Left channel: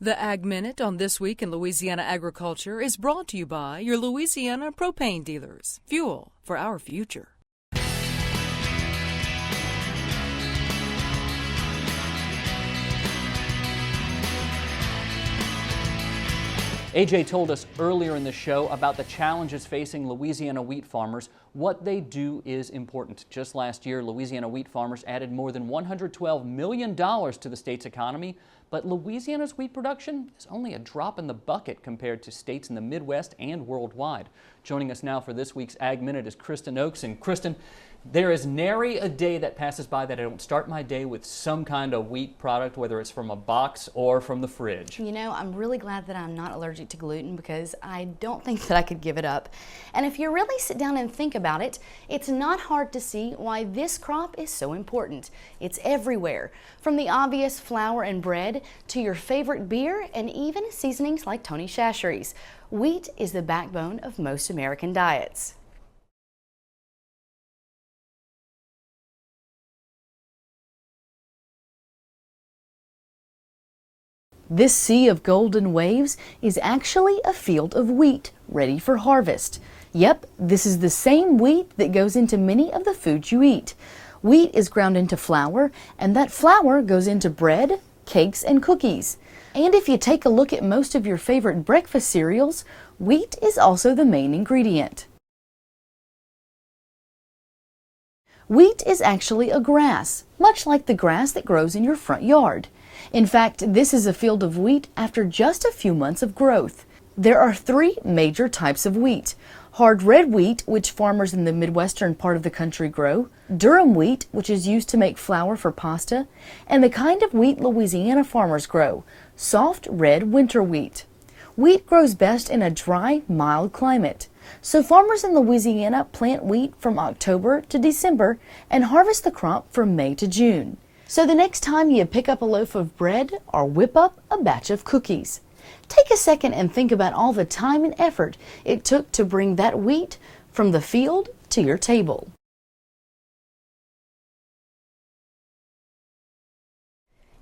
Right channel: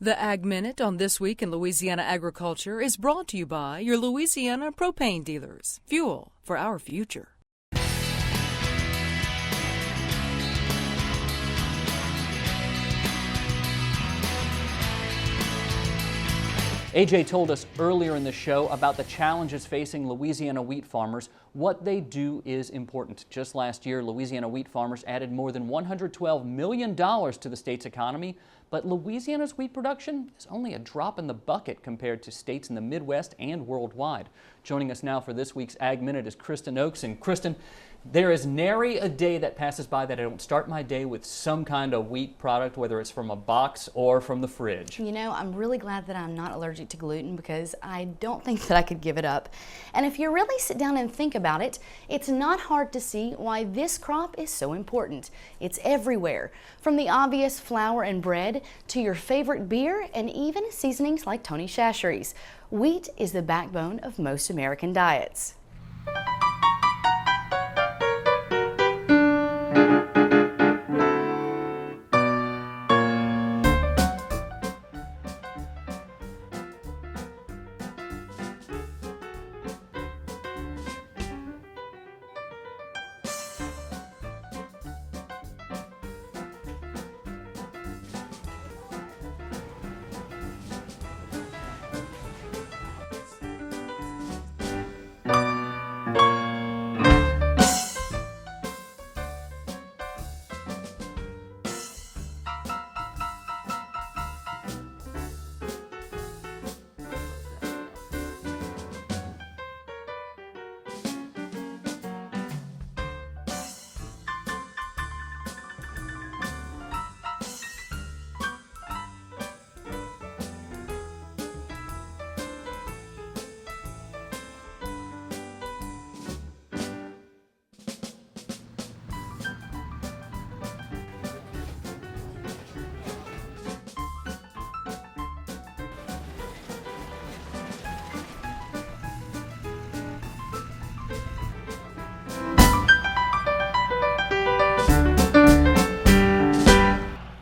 The Ag Minute on This Week in Louisiana Agriculture is brought to you by your Louisiana propane dealers. Fuel for our future. AJ told us earlier in the show about the challenges facing Louisiana wheat farmers. What they do is important. Just last year, Louisiana wheat farmers added more than $112 million to the state's economy, but Louisiana's wheat production is only a drop in the bucket compared to states in the Midwest and worldwide. Joining us now for this week's Ag Minute is Kristen Oakes. And Kristen, there is nary a day that passes by that I don't start my day with some kind of wheat product, whether it's from a box or from the fridge. You know, I'm really glad that I'm not allergic to gluten because I don't think that I could give it up. And if you really sit down and think about it, it's not hard to see why this crop is so important. It's everywhere, from the obvious flour and bread to your favorite beer and even seasonings like Tony Chachere's. Wheat is the backbone of most American diets. This sea of golden waves is actually a field of wheat ready for harvest. Yep, this is the same wheat that goes into many of the foods you eat. Wheat is ground into flour, and that flour goes into bread, cakes, and cookies. And if you take a look at most of your favorite breakfast cereals, wheat is also the main ingredient. Wheat is actually a grass, much like the grass that grows in your front yard. In fact, this is a field of wheat after just a few months of growth. There are three major types of wheat: hard red wheat, which farmers in the Midwestern part of the country grow, durum wheat, which is used to make flour for pasta, and the kind of wheat Louisiana farmers grow, soft red winter wheat. Wheat grows best in a dry, mild climate. So farmers in Louisiana plant wheat from October to December and harvest the crop from May to June. So the next time you pick up a loaf of bread or whip up a batch of cookies, take a second and think about all the time and effort it took to bring that wheat from the field to your table.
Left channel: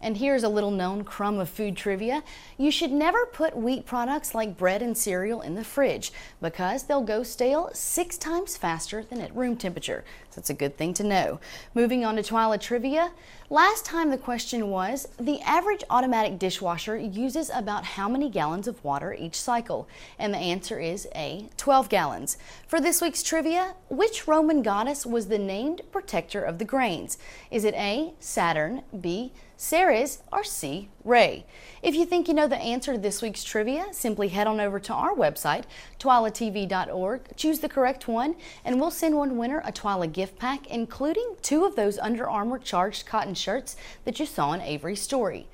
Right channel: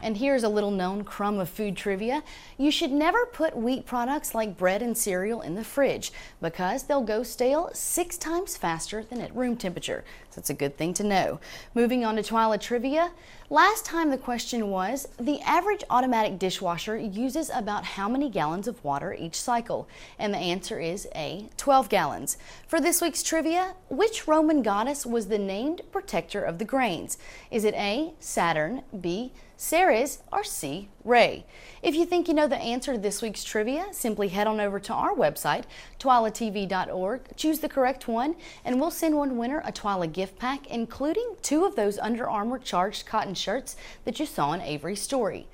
And here's a little known crumb of food trivia. You should never put wheat products like bread and cereal in the fridge because they'll go stale 6 times faster than at room temperature. So it's a good thing to know. Moving on to TWILA trivia. Last time the question was, the average automatic dishwasher uses about how many gallons of water each cycle? And the answer is A, 12 gallons. For this week's trivia, which Roman goddess was the named protector of the grains? Is it A, Saturn, B, Ceres, or C, Ray? If you think you know the answer to this week's trivia, simply head on over to our website, twilatv.org, choose the correct one, and we'll send one winner a TWILA gift pack, including 2 of those Under Armour charged cotton shirts that you saw in Avery's story.